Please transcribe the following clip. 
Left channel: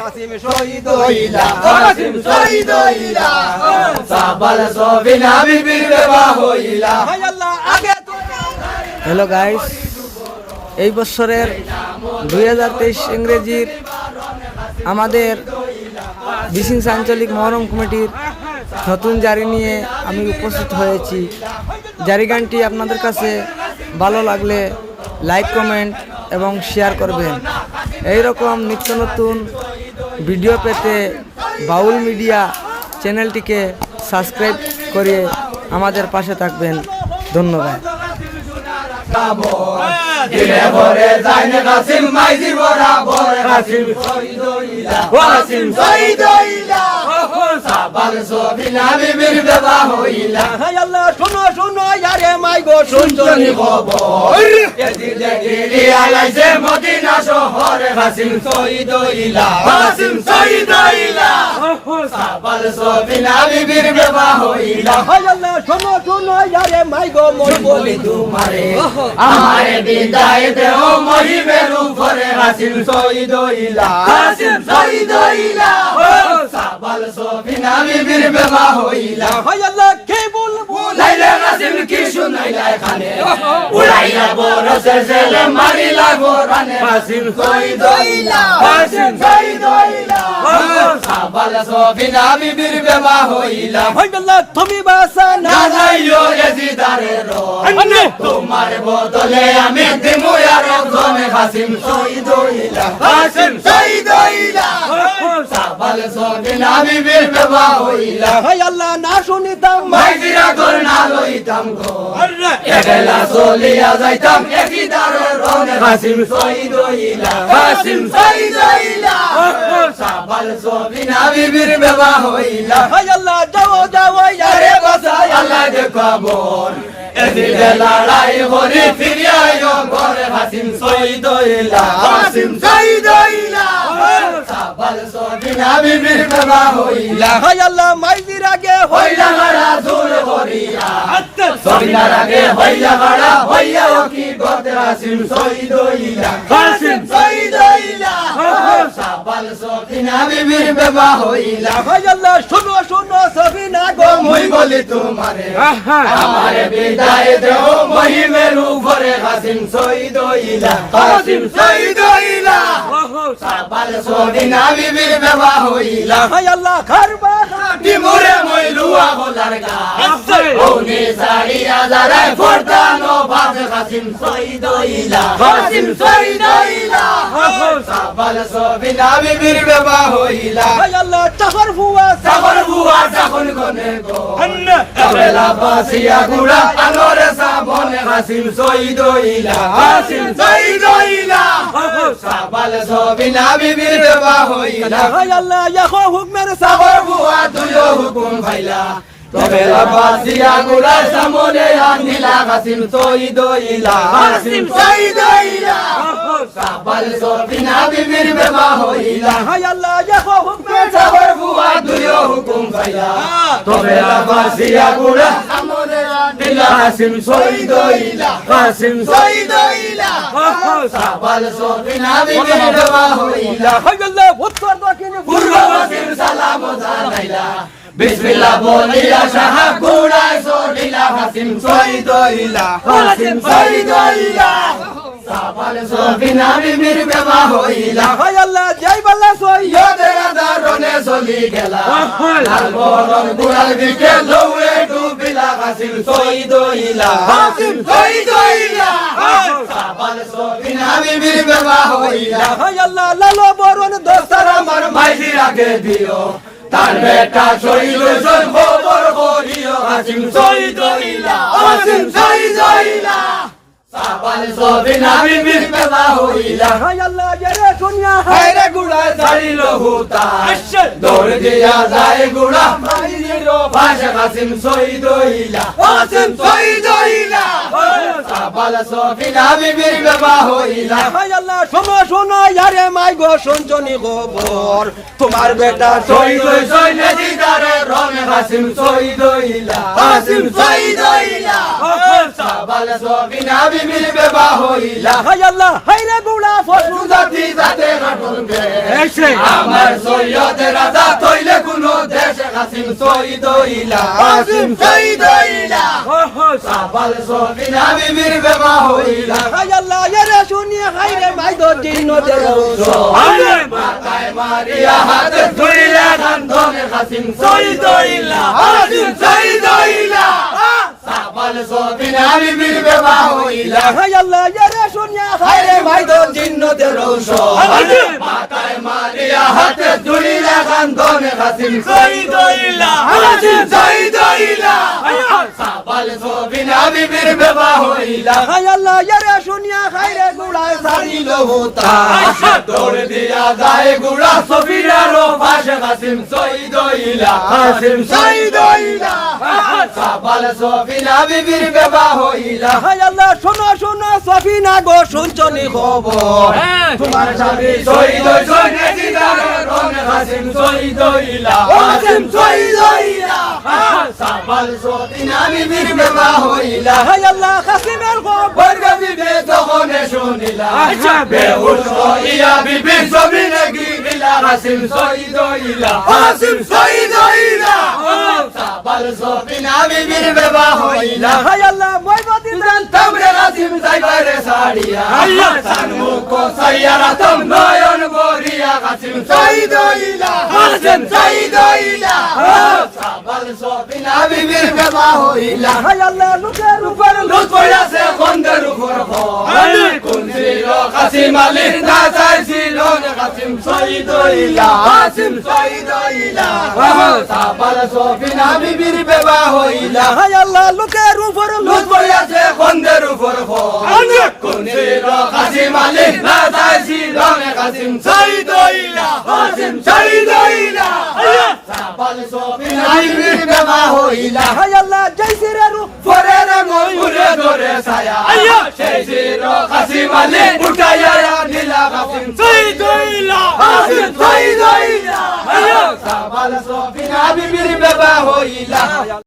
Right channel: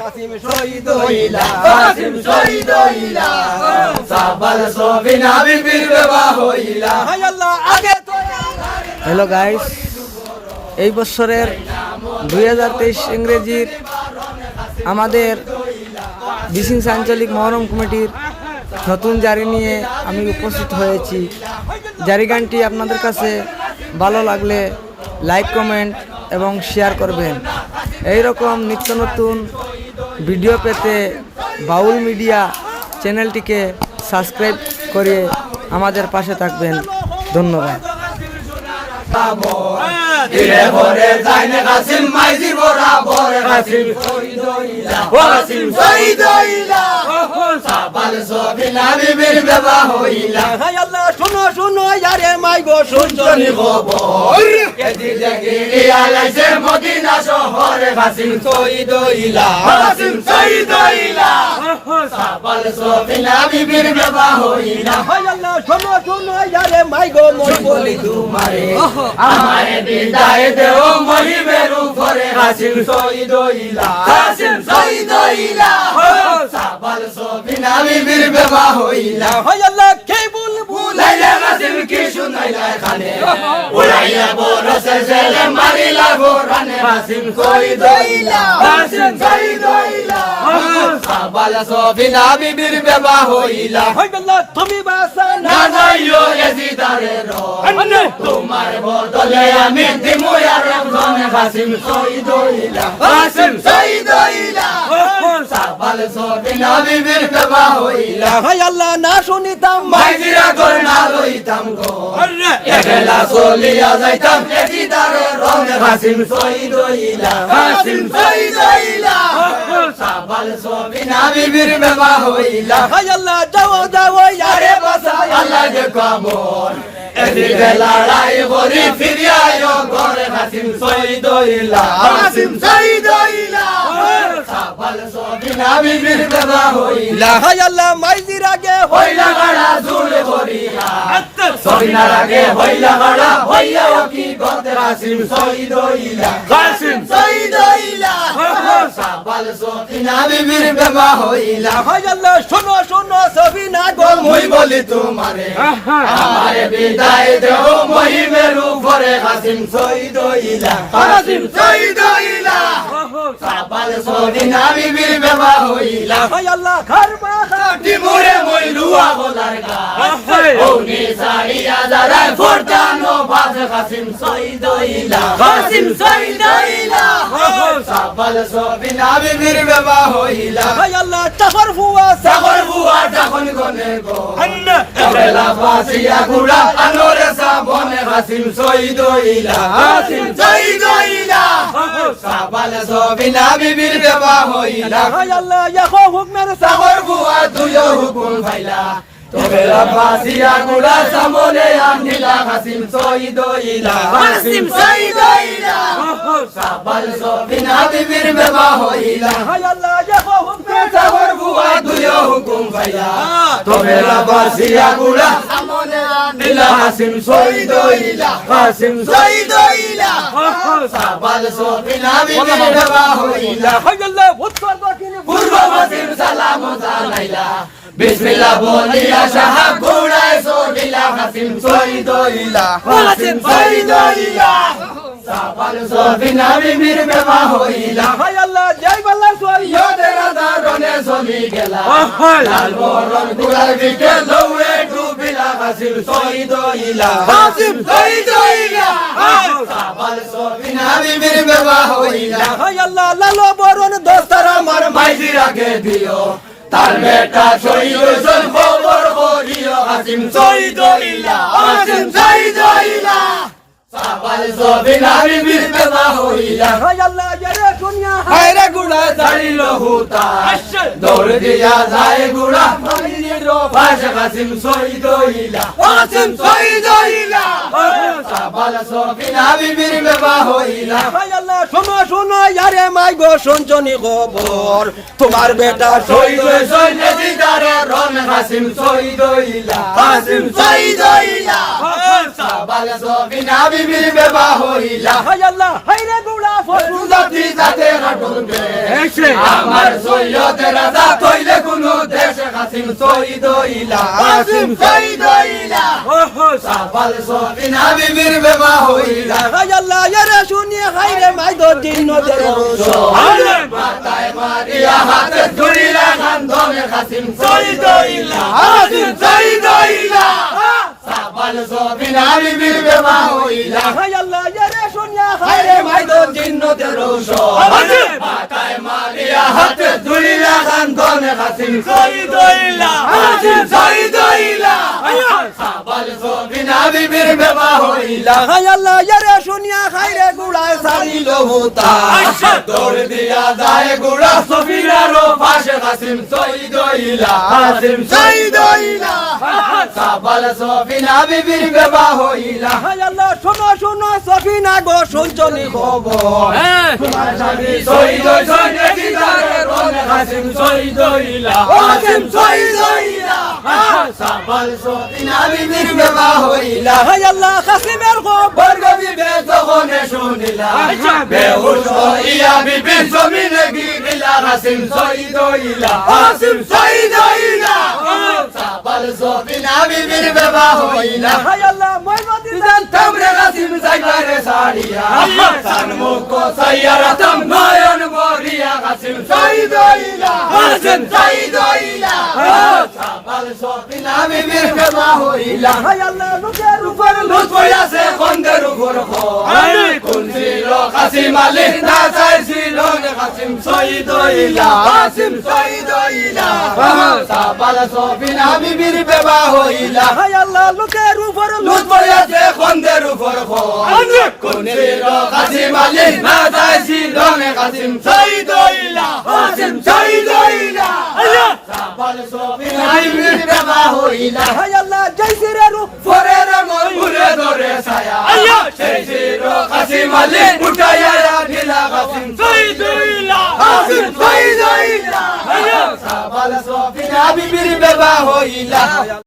কাসিম শহীদ হইলা কাসিম শহীদ হইলা সাবাল সবিনা বিবির বিবাহ হইলা হায় আল্লাহ আগে তো হ্যালো গাইস, এই বছরের 2023 ইংরেজির আমাদের বিশিংস আঞ্চলিক মহরম কমিটির নতুন জারি নিয়ে আমি উপস্থিত হয়েছি। জারি গানটি আপনাদের কাছে ভালো লাগলে লাইক, কমেন্ট এবং শেয়ার করবেন। এই রকম নিত্য নতুন ভিডিও পেতে বাউল মিডিয়া চ্যানেলটিকে সাবস্ক্রাইব করে আমাদের পাশে থাকবেন। ধন্যবাদ। দিলে ভরে যায়নে কাসিম মাইজি বরাবর কাসিম শহীদ হইলা কাসিম শহীদ হইলা সাবাল সবিনা বিবির বিবাহ হইলা হায় আল্লাহ শুনো শুনো ইয়ারে মাই গো শুনছনি খবর দিলে গিরি আলাইছে মদিনা শহরে কাসিম শহীদ হইলা কাসিম শহীদ হইলা সাবাল সবিনা বিবির বিবাহ হইলা হায় আল্লাহ শুনো শুনো ইয়ারে মাই গো মই বলি তোমারে আমারে বিদায় দেও মহিমের উপরে কাসিম শহীদ হইলা কাসিম শহীদ হইলা সাবাল সবিনা বিবির বিবাহ হইলা হায় আল্লাহ কে বুলাইলা কাসিম কি শুনাইলা এখানে উড়াইয়া বরসে ছেলে মারিলা গোরানে কাসিম শহীদ হইলা কাসিম শহীদ হইলা সাবাল সবিনা বিবির বিবাহ হইলা হায় আল্লাহ তুমি বাসা না যাইও এজিদারে রন তোমার বদলে আমি দিমু আর জনে কাসিম শহীদ হইলা কাসিম শহীদ হইলা সাবাল সবিনা বিবির বিবাহ হইলা হায় আল্লাহ না শুনিতাম মাইজিরা কোন না লইতাম গো এবেলা চলিয়া যাইতাম এজিদারে রনে কাসিম শহীদ হইলা কাসিম শহীদ হইলা সাবাল সবিনা বিবির বিবাহ হইলা হায় আল্লাহ যাও যাও ইয়ারে বাসায় আল্লাহ যে কবর এদিকে লড়াই করি ফিরে আয়ো ঘরে কাসিম শহীদ হইলা কাসিম শহীদ হইলা সাবাল সবিনা বিবির বিবাহ হইলা হায় আল্লাহ মাইজির আগে হইলা গড়া জুল করিয়া সবিনার আগে হইলা গড়া হইয়া কি করতে কাসিম শহীদ হইলা কাসিম শহীদ হইলা সাবাল সবিনা বিবির বিবাহ হইলা হায় আল্লাহ শুনো শুনো সবিনা গো মই বলি তোমারে আমারে বিদায় দেও মহিমের উপরে কাসিম শহীদ হইলা কাসিম শহীদ হইলা সাবাল সবিনা বিবির বিবাহ হইলা হায় আল্লাহ খারবা কি মোরে মই লুয়া বলার গা ওনি সারিয়া দাঁড়ায় ফরদানো বাজে কাসিম শহীদ হইলা কাসিম শহীদ হইলা সাবাল সবিনা বিবির বিবাহ হইলা হায় আল্লাহ চাকর বুয়া যখন গনে গো এবেলা বাসিয়া গুড়া আনোরে সাবনে কাসিম শহীদ হইলা কাসিম শহীদ হইলা সাবাল সবিনা বিবির বিবাহ হইলা হায় আল্লাহ ইয়াখো হুকমের সাগর বুয়া তুলো হুকুম ভাইলা তবে বাসিয়া গুড়া সামনে আনিলা কাসিম শহীদ হইলা কাসিম শহীদ হইলা সাবাল সবিনা বিবির বিবাহ হইলা হায় আল্লাহ ইয়াখো হুকমের সাগর বুয়া তুলো হুকুম ভাইলা তবে বাসিয়া গুড়া সামনে আনিলা কাসিম শহীদ হইলা কাসিম শহীদ হইলা সাবাল সবিনা বিবির বিবাহ হইলা হায় আল্লাহ উত্তর দক্ষিণ পূর্ব পশ্চিম সালাম জানাইলা বিসমিল্লাহ বলিয়া সাহাব ঘোড়ায় চড়িলা কাসিম শহীদ হইলা কাসিম শহীদ হইলা সাবাল সবিনা বিবির বিবাহ হইলা হায় আল্লাহ জয় বাল্লা সৈয়দের দারনে চলি গেলা লাল বরণ গুলাল দিকে লৌয়ে ডুবিলা কাসিম শহীদ হইলা কাসিম শহীদ হইলা সাবাল সবিনা বিবির বিবাহ হইলা হায় আল্লাহ লাল বরণ দোস্তর আমার মাইজির আগে দিও তার বেটা শহীদ হইছেন খবর করিও কাসিম শহীদ হইলা কাসিম শহীদ হইলা সাবাল সবিনা বিবির বিবাহ হইলা হায় আল্লাহ জরে দুনিয়া হায় রে গুড়া ছাড়িল হুতা দৌড় দিয়া যায় গুড়া মাইজির ফাঁসে কাসিম শহীদ হইলা কাসিম শহীদ হইলা সাবাল সফিনা বিবির বিবাহ হইলা আল্লাহ শোনো শোনো ইয়ারে মাই গো শুনছনি খবর তোমার বেটা শহীদ হইছে দিদারে রন কাসিম শহীদ হইলা কাসিম শহীদ হইলা সাবাল সফিনা বিবির বিবাহ হইলা আল্লাহ হাইরে গুলা জাতি জাতে হাঁটবে আমার সৈয়দের রাজা তৈলে কোনো দেশে কাসিম শহীদ হইলা কাসিম শহীদ হইলা সাবাল সফিনা বিবির বিবাহ হইলা আল্লাহ ইয়ারে শুনিয়ে হাইরে মাই গো জিন্নতে মাথায় মারিয়া হাতে ধরিলে খান্দনে কাসিম শহীদ হইলা কাসিম শহীদ হইলা সাবাল সফিনা বিবির বিবাহ হইলা আল্লাহ ইয়ারে শুনিয়ে হায়রে মাই গো জিন্নতে রৌশন মাথায় মারিয়া হাতে ধরিলে খান্দনে কাসিম শহীদ হইলা কাসিম শহীদ হইলা সাবাল সফিনা বিবির বিবাহ হইলা আল্লাহ ইয়ারে শুনিয়ে হাইরে গুলা সারিল হতা দৌড় দিয়া যায় গুড়া সফিনারও পাশে কাসিম শহীদ হইলা কাসিম শহীদ হইলা সাবাল সফিনা বিবির বিবাহ হইলা আল্লাহ শোনো শোনো সফিনা গো শুনছনি খবর তোমার স্বামী শহীদ হইছে নাকি তারে রন কাসিম শহীদ হইলা কাসিম শহীদ হইলা সাবাল সফিনা বিবির বিবাহ হইলা আল্লাহ কাসিমের খবর বর্গবিবে যখন শুনিলা বেহুশ হইয়া বিবির জমিনে গিলা কাসিম শহীদ হইলা কাসিম শহীদ হইলা সাবাল সফিনা বিবির বিবাহ হইলা আল্লাহ মই গদি তোমরে কাসিম যাইবারে সারিয়া সানমুখ সাইয়ারা তম নয়ন বরিয়া কাসিম শহীদ হইলা কাসিম শহীদ হইলা সাবাল সফিনা বিবির বিবাহ হইলা আল্লাহ লোকের উপর লুট পড়াছে খন্দের উপর কোন ছিল কাসিম আলী না চাইছিল কাসিম শহীদ হইলা কাসিম শহীদ হইলা সাবাল সফিনা বিবির বিবাহ হইলা আল্লাহ লোকের উপর লুট পড়াছে খন্দের উপর কোন ছিল কাসিম আলী না চাইছিল কাসিম শহীদ হইলা কাসিম শহীদ হইলা সাবাল সফিনা বিবির বিবাহ হইলা আল্লাহ জয়সিরে রূপ ফরে ময়ূরে ধরে ছায়া সেই ছিল কাসিম আলী উঠাইয়া দিলা কাসিম শহীদ হইলা কাসিম শহীদ হইলা সাবাল সফিনা বিবির বিবাহ হইলা